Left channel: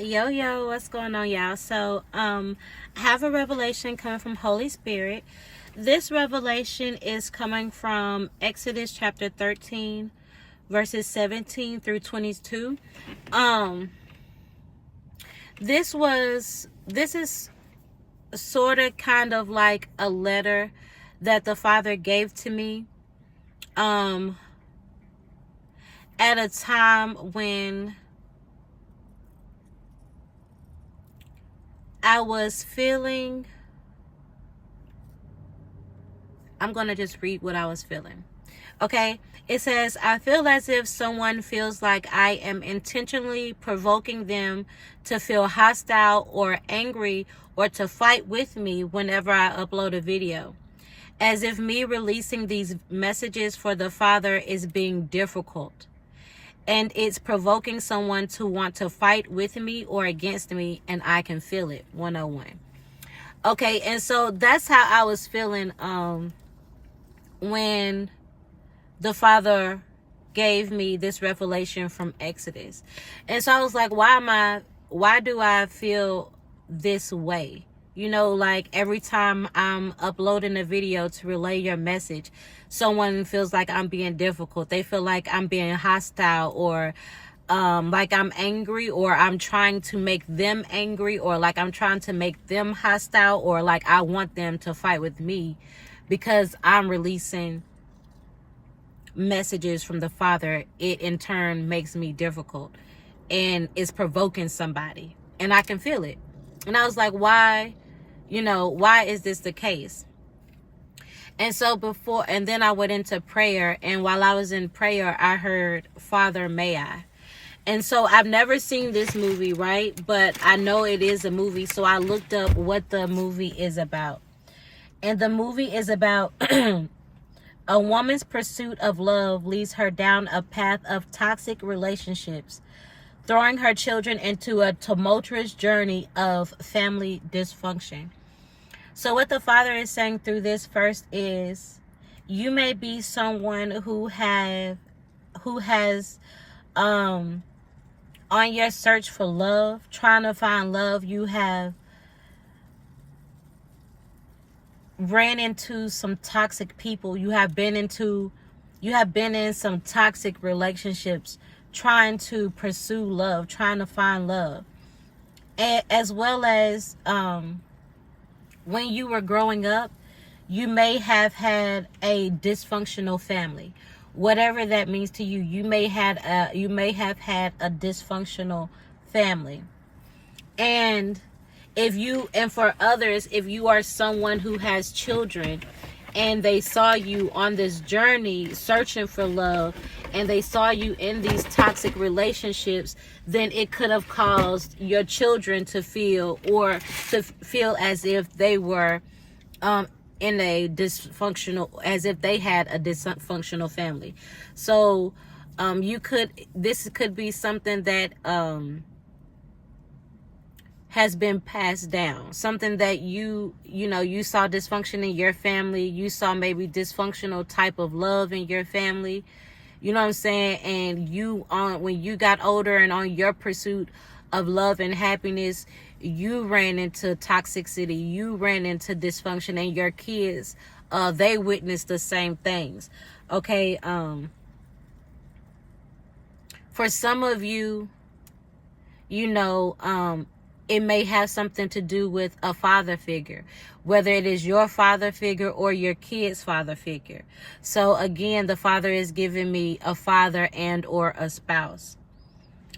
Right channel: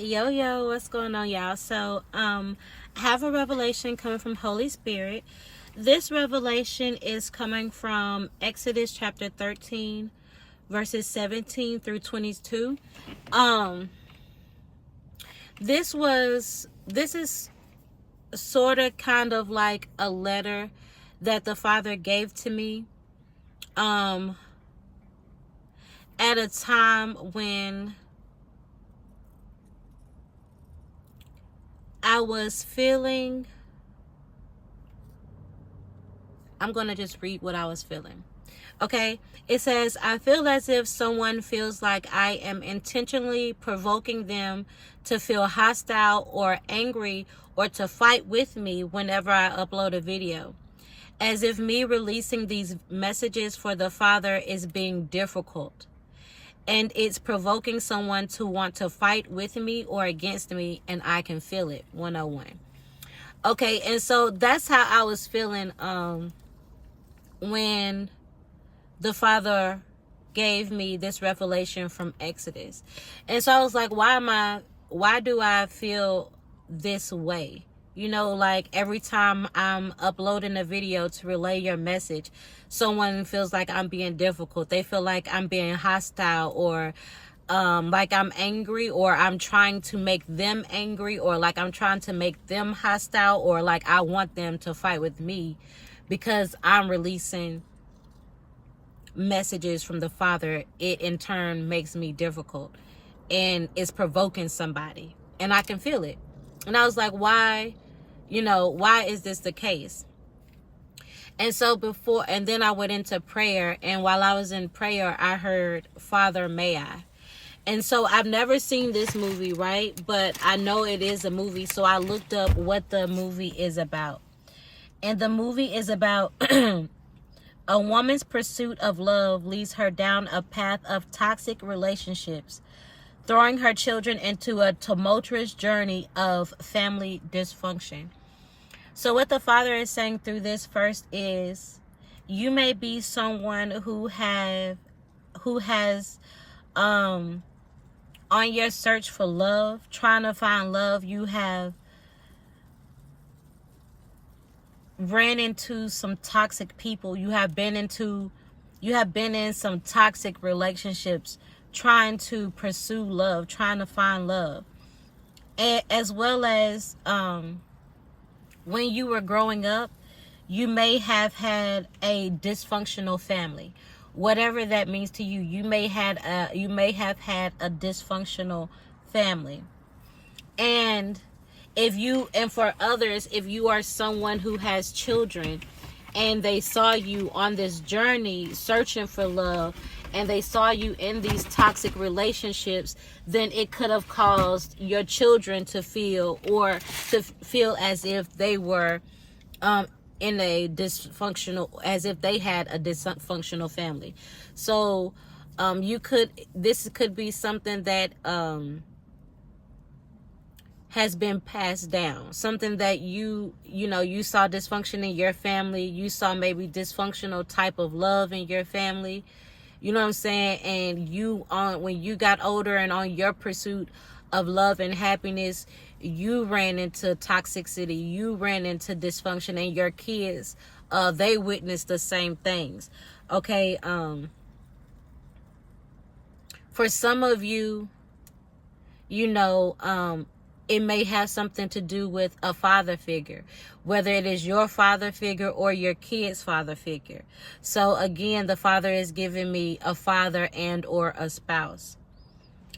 Yo, what's going on, y'all? So, I have a revelation coming from Holy Spirit. This revelation is coming from Exodus chapter 13, verses 17 through 22. Um, this is sort of kind of like a letter that the Father gave to me, at a time when I was feeling, I'm going to just read what I was feeling. Okay. It says, I feel as if someone feels like I am intentionally provoking them to feel hostile or angry or to fight with me whenever I upload a video. As if me releasing these messages for the Father is being difficult. And it's provoking someone to want to fight with me or against me, and I can feel it. 101. Okay, and so that's how I was feeling when the Father gave me this revelation from Exodus. And so I was like, why do I feel this way? You know, like every time I'm uploading a video to relay your message, someone feels like I'm being difficult. They feel like I'm being hostile, or like I'm angry, or I'm trying to make them angry, or like I'm trying to make them hostile, or like I want them to fight with me because I'm releasing messages from the Father. It in turn makes me difficult and it's provoking somebody, and I can feel it. And I was like, why is this the case? And so then I went into prayer, and while I was in prayer, I heard, Father, may I? And so I've never seen this movie, right? But I know it is a movie, so I looked up what the movie is about. And the movie is about a woman's pursuit of love leads her down a path of toxic relationships, throwing her children into a tumultuous journey of family dysfunction. So what the Father is saying through this first is, you may be someone who has on your search for love, trying to find love, you have ran into some toxic people. You have been in some toxic relationships, trying to pursue love, trying to find love. As well as when you were growing up, you may have had a dysfunctional family. Whatever that means to you, you may have had a dysfunctional family. And for others, if you are someone who has children and they saw you on this journey searching for love, and they saw you in these toxic relationships, then it could have caused your children to feel as if they were as if they had a dysfunctional family. So this could be something that has been passed down, something that you saw dysfunction in your family. You saw maybe dysfunctional type of love in your family. You know what I'm saying? And when you got older and on your pursuit of love and happiness, you ran into toxicity, you ran into dysfunction, and your kids, they witnessed the same things. Okay. For some of you, it may have something to do with a father figure, whether it is your father figure or your kid's father figure. So again, the Father is giving me a father and or a spouse.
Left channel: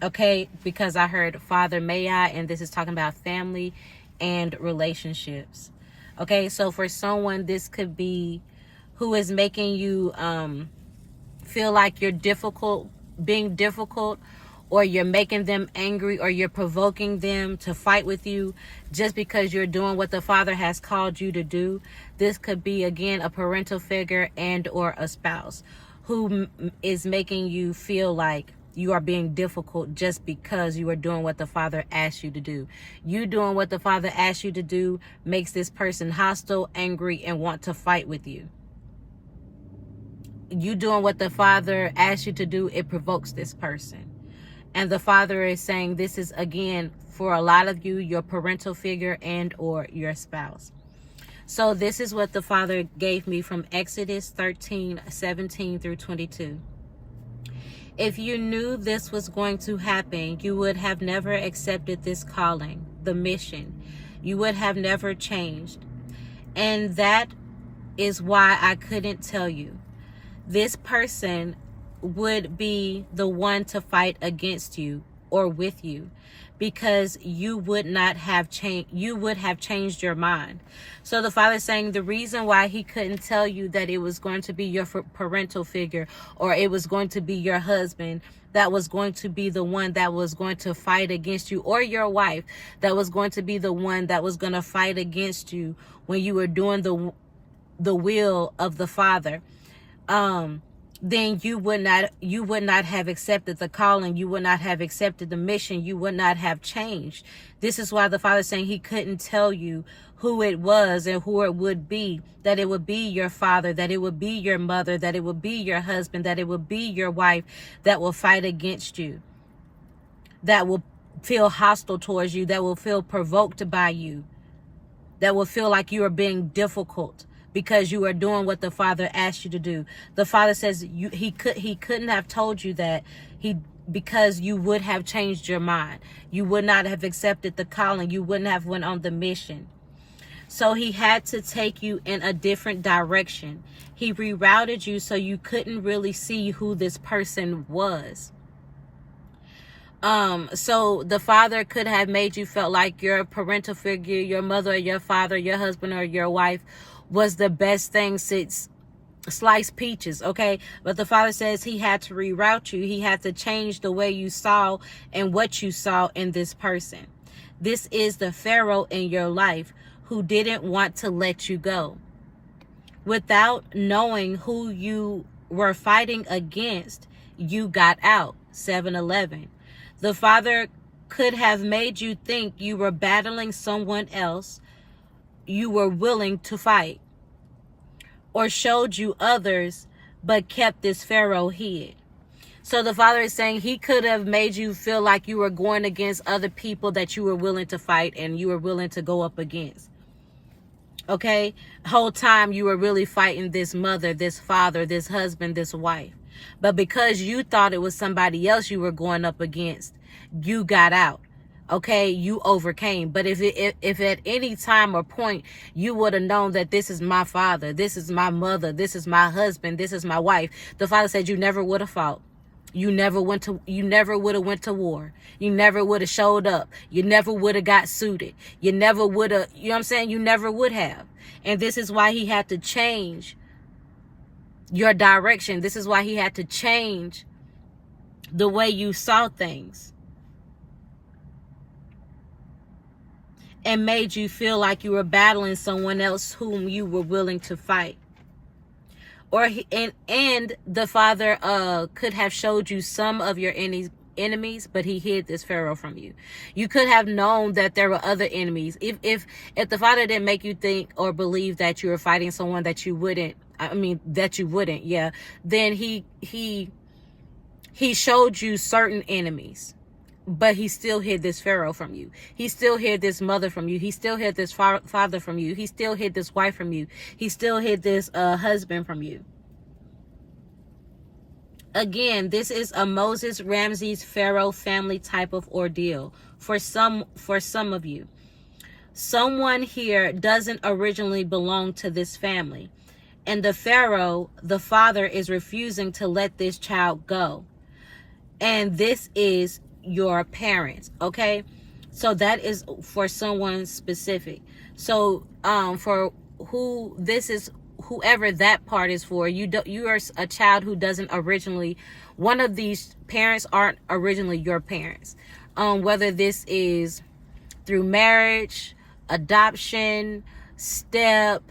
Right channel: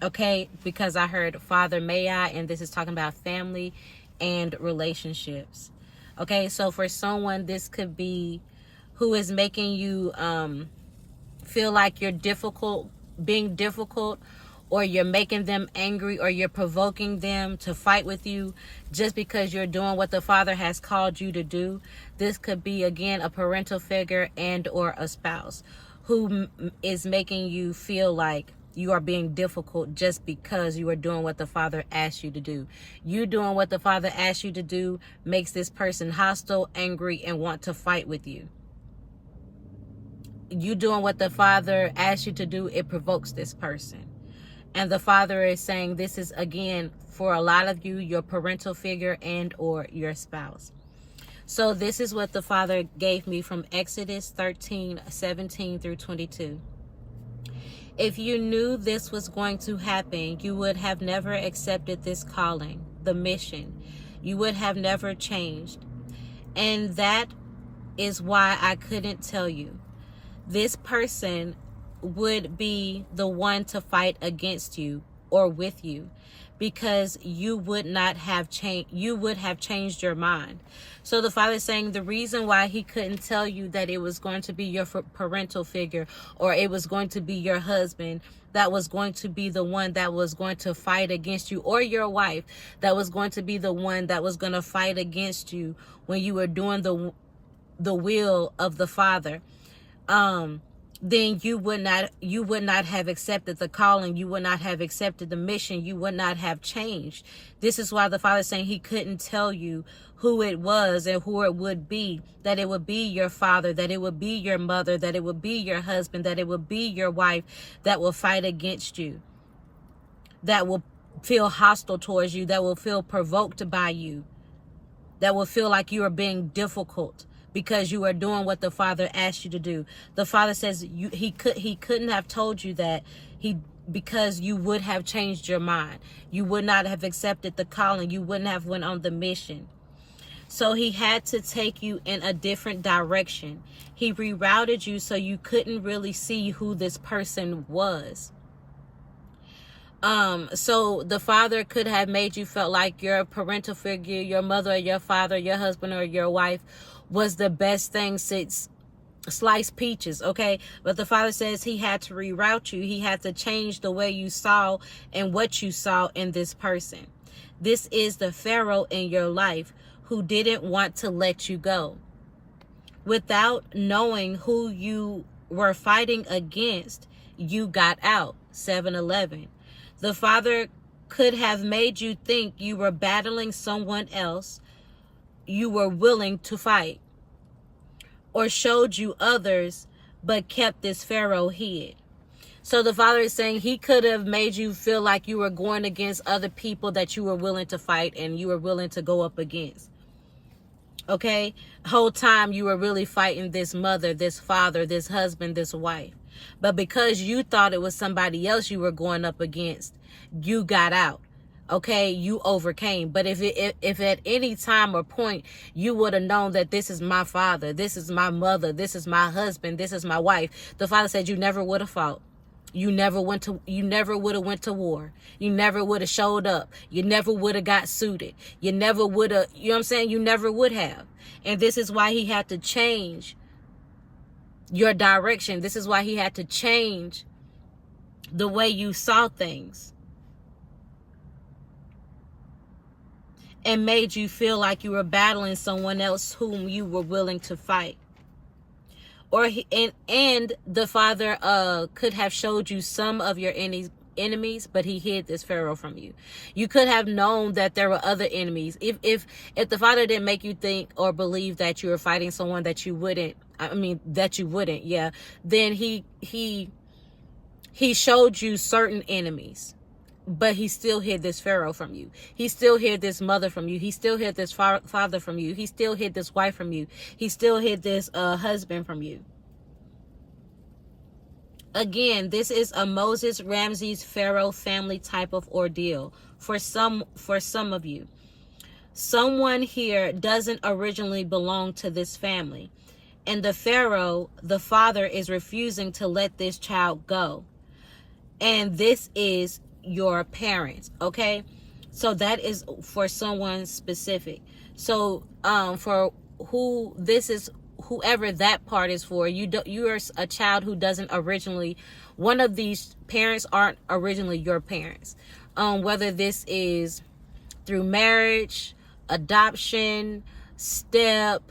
Okay, because I heard Father, may I, and this is talking about family and relationships. Okay, so for someone, this could be who is making you feel like you're being difficult, or you're making them angry, or you're provoking them to fight with you just because you're doing what the Father has called you to do. This could be, again, a parental figure and or a spouse who is making you feel like you are being difficult just because you are doing what the Father asked you to do. You doing what the Father asked you to do makes this person hostile, angry, and want to fight with you. You doing what the Father asked you to do, it provokes this person. And the Father is saying this is, again, for a lot of you, your parental figure and or your spouse. So this is what the Father gave me from Exodus 13:17 through 22. If you knew this was going to happen, you would have never accepted this calling, the mission. You would have never changed. And that is why I couldn't tell you. This person would be the one to fight against you or with you, because you would not have changed. You would have changed your mind. So the Father is saying the reason why he couldn't tell you that it was going to be your parental figure, or it was going to be your husband that was going to be the one that was going to fight against you, or your wife that was going to be the one that was going to fight against you when you were doing the will of the Father, then you would not have accepted the calling. You would not have accepted the mission. You would not have changed. This is why the Father is saying he couldn't tell you who it was and who it would be, that it would be your father, that it would be your mother, that it would be your husband, that it would be your wife that will fight against you, that will feel hostile towards you, that will feel provoked by you, that will feel like you are being difficult because you are doing what the Father asked you to do. The Father says he couldn't have told you that because you would have changed your mind. You would not have accepted the calling. You wouldn't have went on the mission. So he had to take you in a different direction. He rerouted you so you couldn't really see who this person was. So the Father could have made you feel like your parental figure, your mother or your father, your husband or your wife was the best thing since sliced peaches, okay? But the Father says he had to reroute you. He had to change the way you saw and what you saw in this person. This is the Pharaoh in your life who didn't want to let you go. Without knowing who you were fighting against, you got out. 7:11. The Father could have made you think you were battling someone else you were willing to fight, or showed you others, but kept this Pharaoh hid. So the Father is saying he could have made you feel like you were going against other people that you were willing to fight and you were willing to go up against. Okay? Whole time you were really fighting this mother, this father, this husband, this wife. But because you thought it was somebody else you were going up against, you got out. Okay, you overcame. But if at any time or point you would have known that this is my father, this is my mother, this is my husband, this is my wife, the Father said you never would have fought. You never would have went to war. You never would have showed up. You never would have got suited. You never would have, you know what I'm saying? You never would have. And this is why he had to change your direction. This is why he had to change the way you saw things, and made you feel like you were battling someone else whom you were willing to fight. And the Father could have showed you some of your enemies, but he hid this Pharaoh from you. You could have known that there were other enemies. If the Father didn't make you think or believe that you were fighting someone that you wouldn't, yeah, then he showed you certain enemies. But he still hid this Pharaoh from you. He still hid this mother from you. He still hid this father from you. He still hid this wife from you. He still hid this husband from you. Again, this is a Moses, Ramses, Pharaoh family type of ordeal for some of you. Someone here doesn't originally belong to this family. And the Pharaoh, the father, is refusing to let this child go. And this is your parents, okay? So that is for someone specific. So for who this is, whoever that part is for, you are a child who doesn't originally, one of these parents aren't originally your parents. Whether this is through marriage, adoption, step,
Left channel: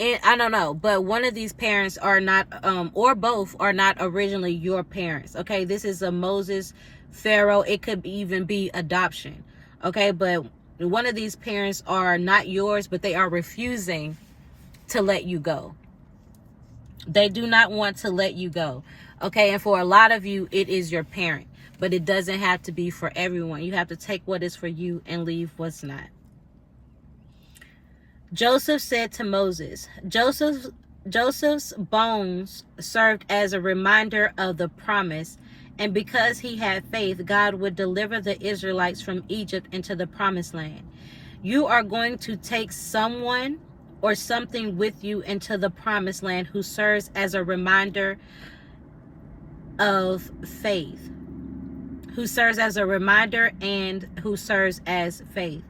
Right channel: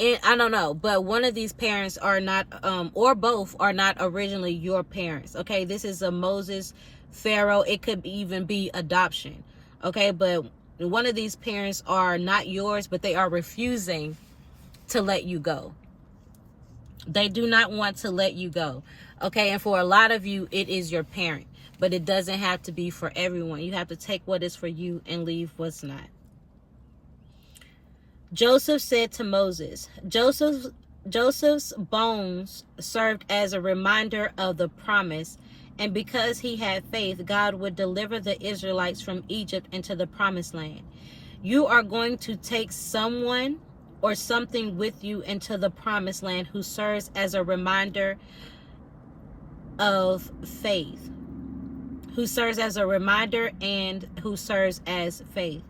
I don't know, but one of these parents are not, or both are not originally your parents, okay? This is a Moses, Pharaoh. It could even be adoption, okay? But one of these parents are not yours, but they are refusing to let you go. They do not want to let you go, okay? And for a lot of you, it is your parent. but it doesn't have to be for everyone. You have to take what is for you and leave what's not. Joseph said to Moses, Joseph's bones served as a reminder of the promise, and because he had faith, God would deliver the Israelites from Egypt into the promised land. You are going to take someone or something with you into the promised land who serves as a reminder of faith, who serves as a reminder and who serves as faith.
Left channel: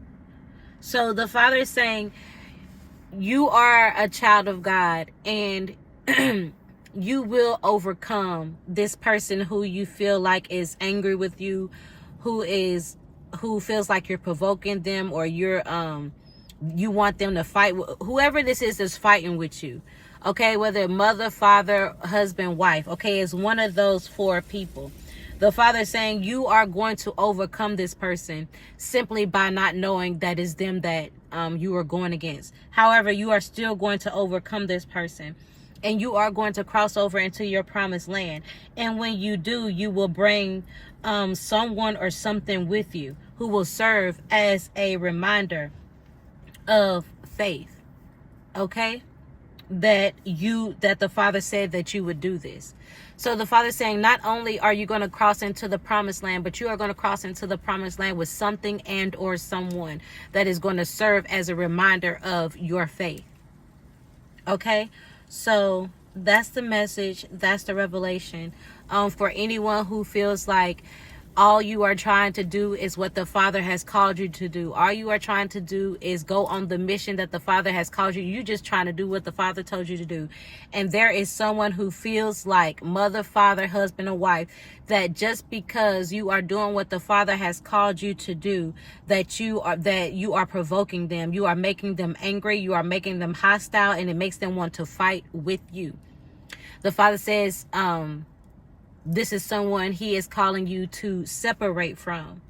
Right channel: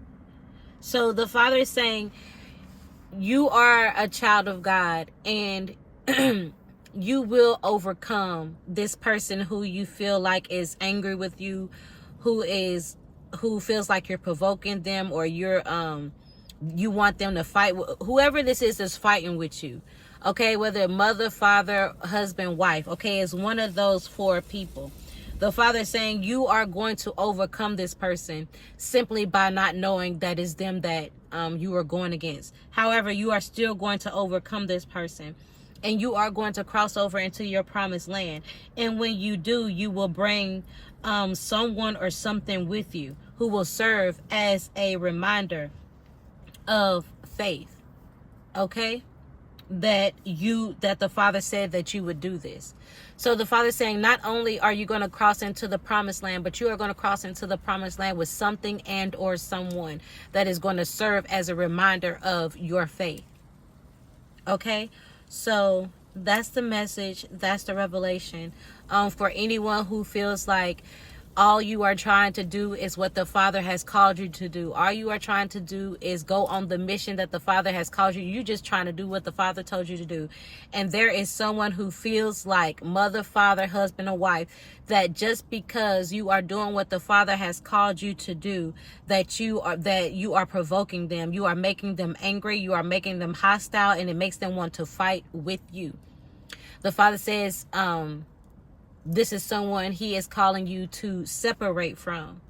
So the Father is saying, you are a child of God, and you will overcome this person who you feel like is angry with you, who feels like you're provoking them, or you're you want them to fight. Whoever this is that's fighting with you, okay, whether mother, father, husband, wife, okay, it's one of those 4 people. The Father is saying you are going to overcome this person simply by not knowing that it's them that you are going against. However, you are still going to overcome this person, and you are going to cross over into your promised land. And when you do, you will bring someone or something with you who will serve as a reminder of faith, okay, that the Father said that you would do this. So the Father is saying, not only are you going to cross into the promised land, but you are going to cross into the promised land with something and or someone that is going to serve as a reminder of your faith. Okay, so that's the message. That's the revelation. For anyone who feels like all you are trying to do is what the Father has called you to do. All you are trying to do is go on the mission that the Father has called you. You're just trying to do what the Father told you to do. And there is someone who feels like mother, father, husband, or wife, that just because you are doing what the Father has called you to do, that you are provoking them. You are making them angry. You are making them hostile, and it makes them want to fight with you. The Father says, this is someone He is calling you to separate from.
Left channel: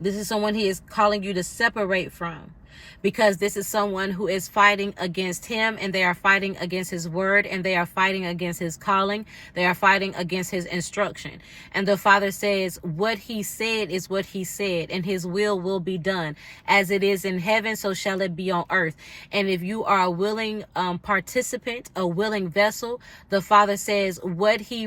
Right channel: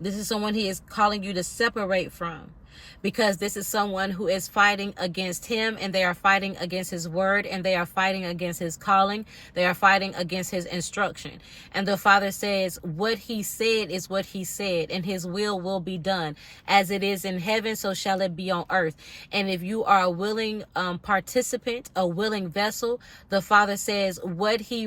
This is someone He is calling you to separate from, because this is someone who is fighting against Him, and they are fighting against His word, and they are fighting against His calling. They are fighting against His instruction. And the Father says, what He said is what He said, and His will be done. As it is in heaven, so shall it be on earth. And if you are a willing participant, a willing vessel, the Father says what He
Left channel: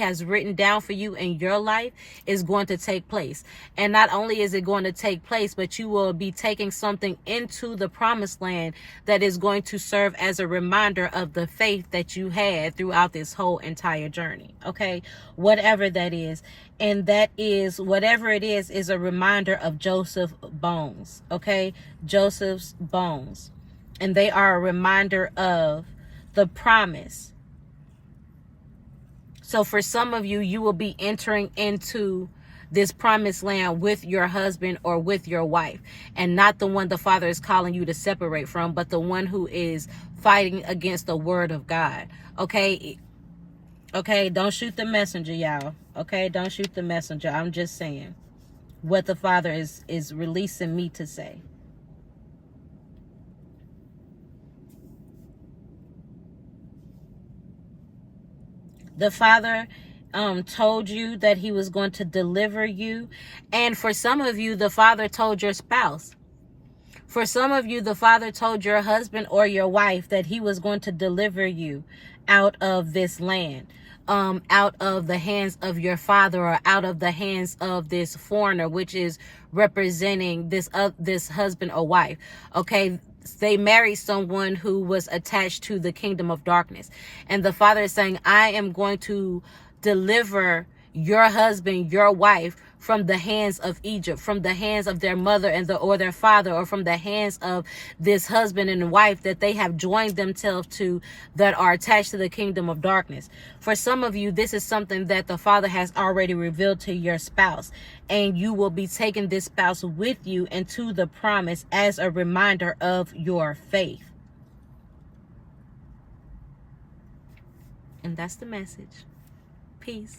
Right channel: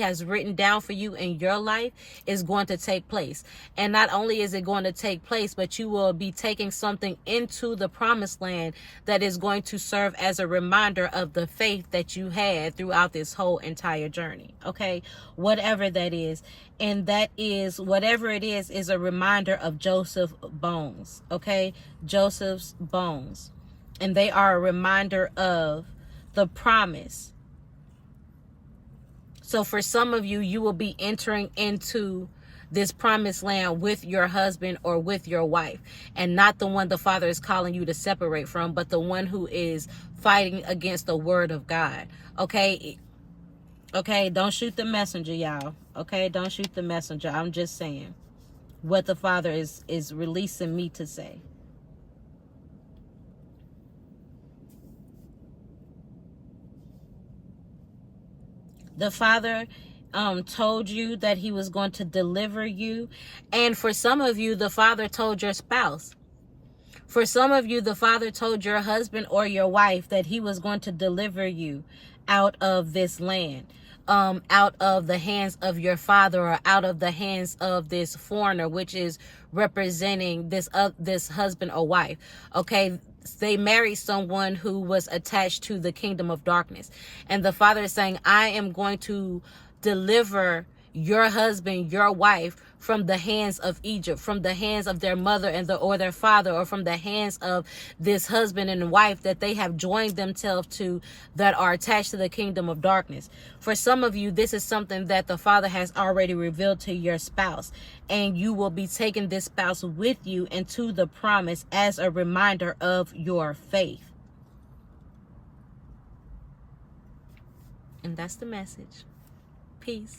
has written down for you in your life is going to take place. And not only is it going to take place, but you will be taking something into the promised land that is going to serve as a reminder of the faith that you had throughout this whole entire journey. Okay, whatever that is. And that is, whatever it is a reminder of Joseph's bones. Okay, Joseph's bones. And they are a reminder of the promise. So for some of you, you will be entering into this promised land with your husband or with your wife, and not the one the Father is calling you to separate from, but the one who is fighting against the word of God. Okay, don't shoot the messenger, y'all. Okay, don't shoot the messenger. I'm just saying what the Father is releasing me to say. The Father told you that He was going to deliver you. And for some of you, the Father told your spouse. For some of you, the Father told your husband or your wife that He was going to deliver you out of this land, out of the hands of your father, or out of the hands of this foreigner, which is representing this husband or wife. Okay, they married someone who was attached to the kingdom of darkness. And the Father is saying, I am going to deliver your husband, your wife, from the hands of Egypt, from the hands of their mother or their father, or from the hands of this husband and wife that they have joined themselves to, that are attached to the kingdom of darkness. For some of you, this is something that the Father has already revealed to your spouse, and you will be taking this spouse with you into the promise as a reminder of your faith. And that's the message. Peace.